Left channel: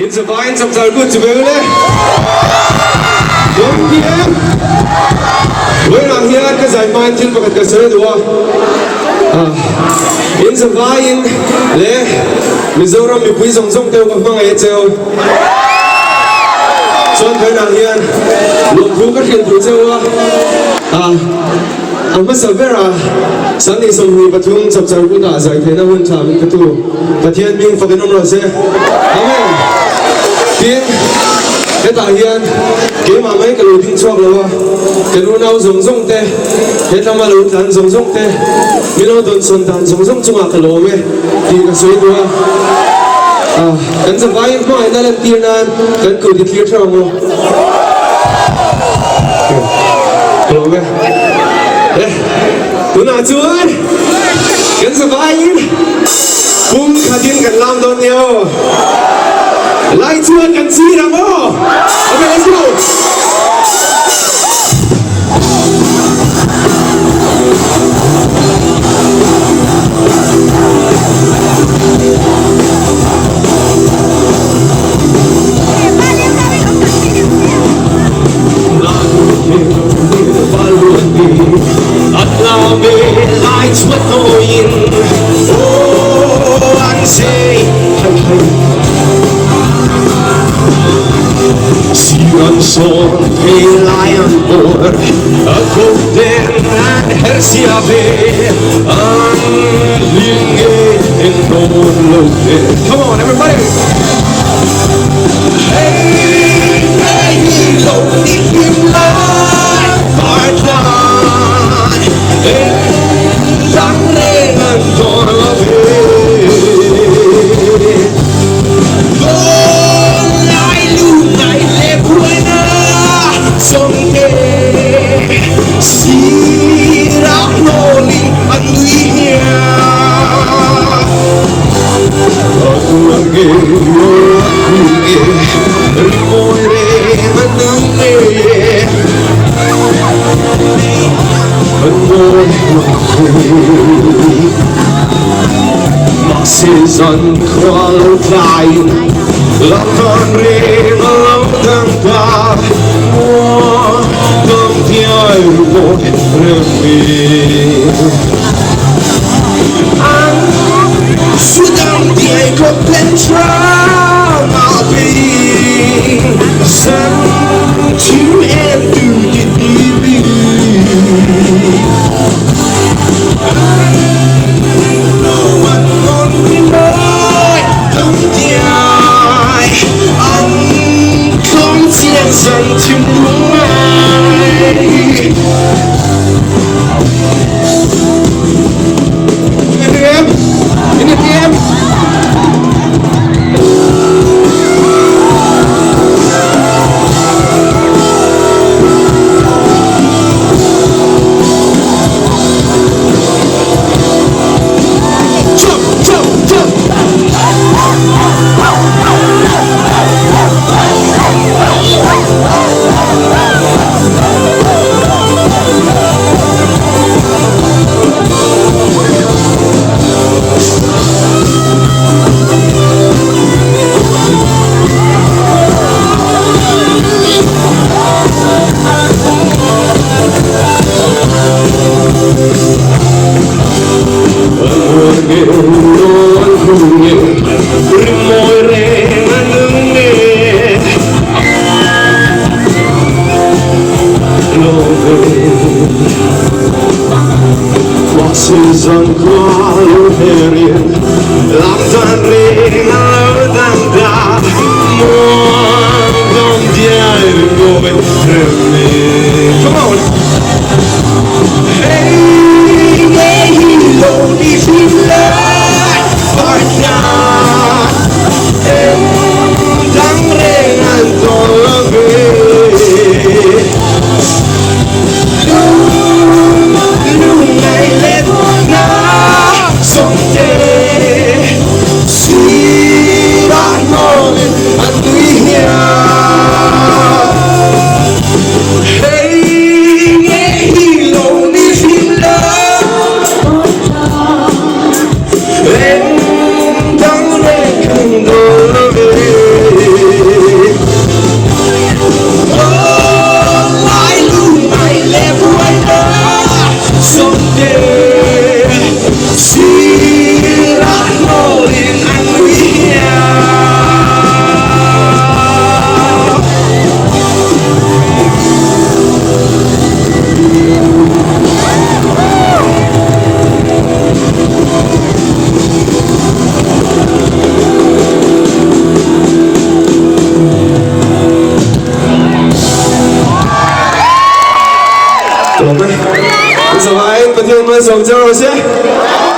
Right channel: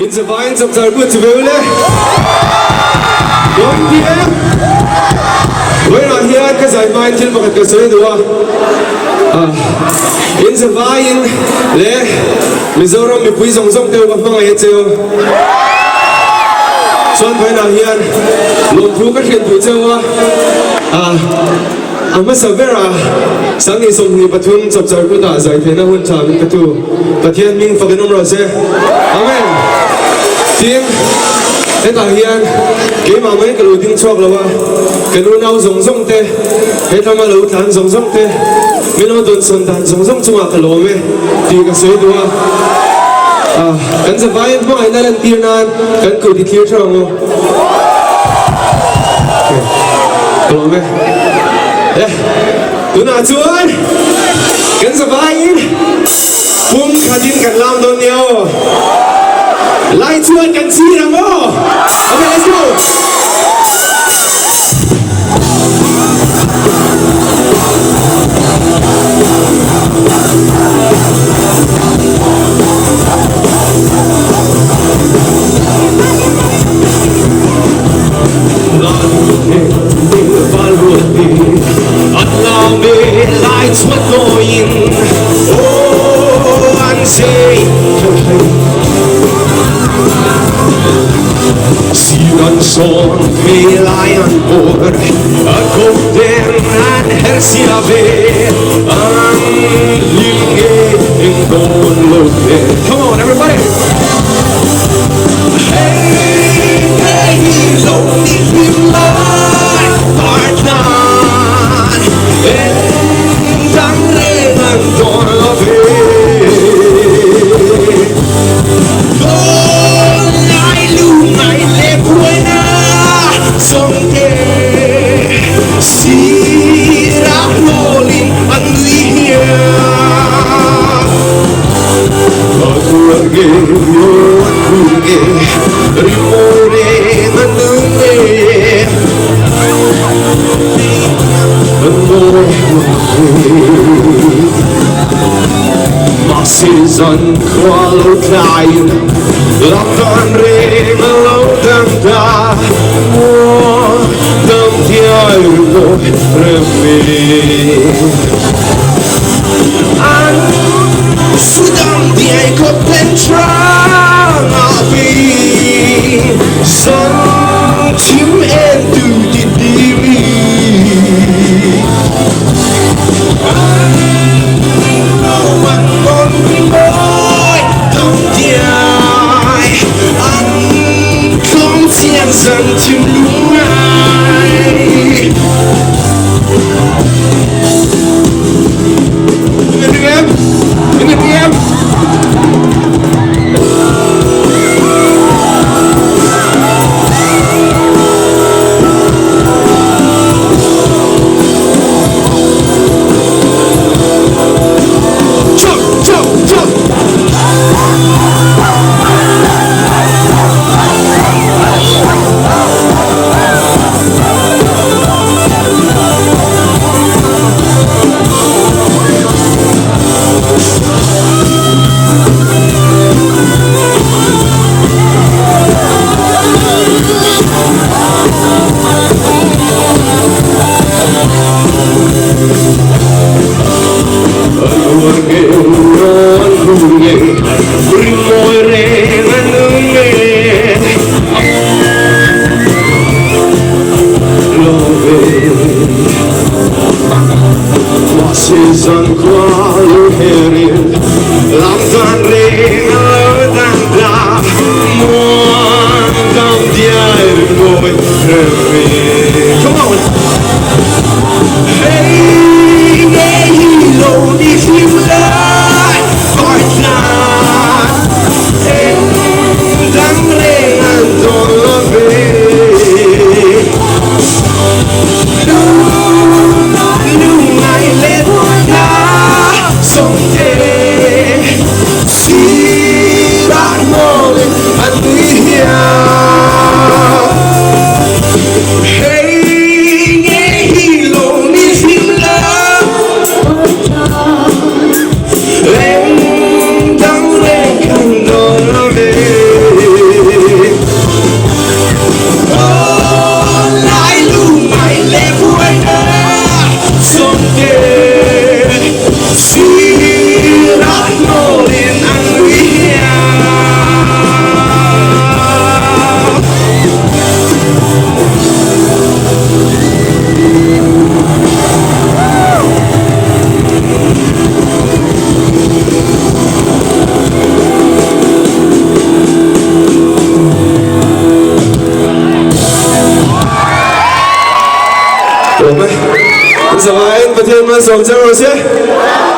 In the vines of the good völe. Don't hear. When I hear because I mind till but the say do. In the vine le Mizoram mi pui song song teo bang bang ai teo. Chuan when I hear lung thu ka thian tu teo Amasavera sangi songni pathum chapchar ku da zai thena hun tha min patu pathian ming faganum ro se amen tin eta hian ke ma mai ka lo ding chok lawa ke nu nau zong zong te he thama lo than zong zong te min lo don son dan zong zong chunga ka lo me ti ka soi duwa kan sa vai ma ai na lan tir nan kan ku di clear thang mo lo me tu na chuan kan sa vain pum khatin kan lam do neo lai chuan kan chi ra mo okay let's go Allow me lights were going. Oh, and say, see one son, pale lion board, a golden and hersiave, and in gold. Come on, everybody. Hey, hey, load with my partner. Masses unqualified, locked on rain, alone and dark. More than the hour and Sudan, the echo pentron, I'll be sent to end to the DB. Unto mine. In the DM. สองเจ้าเราเสีย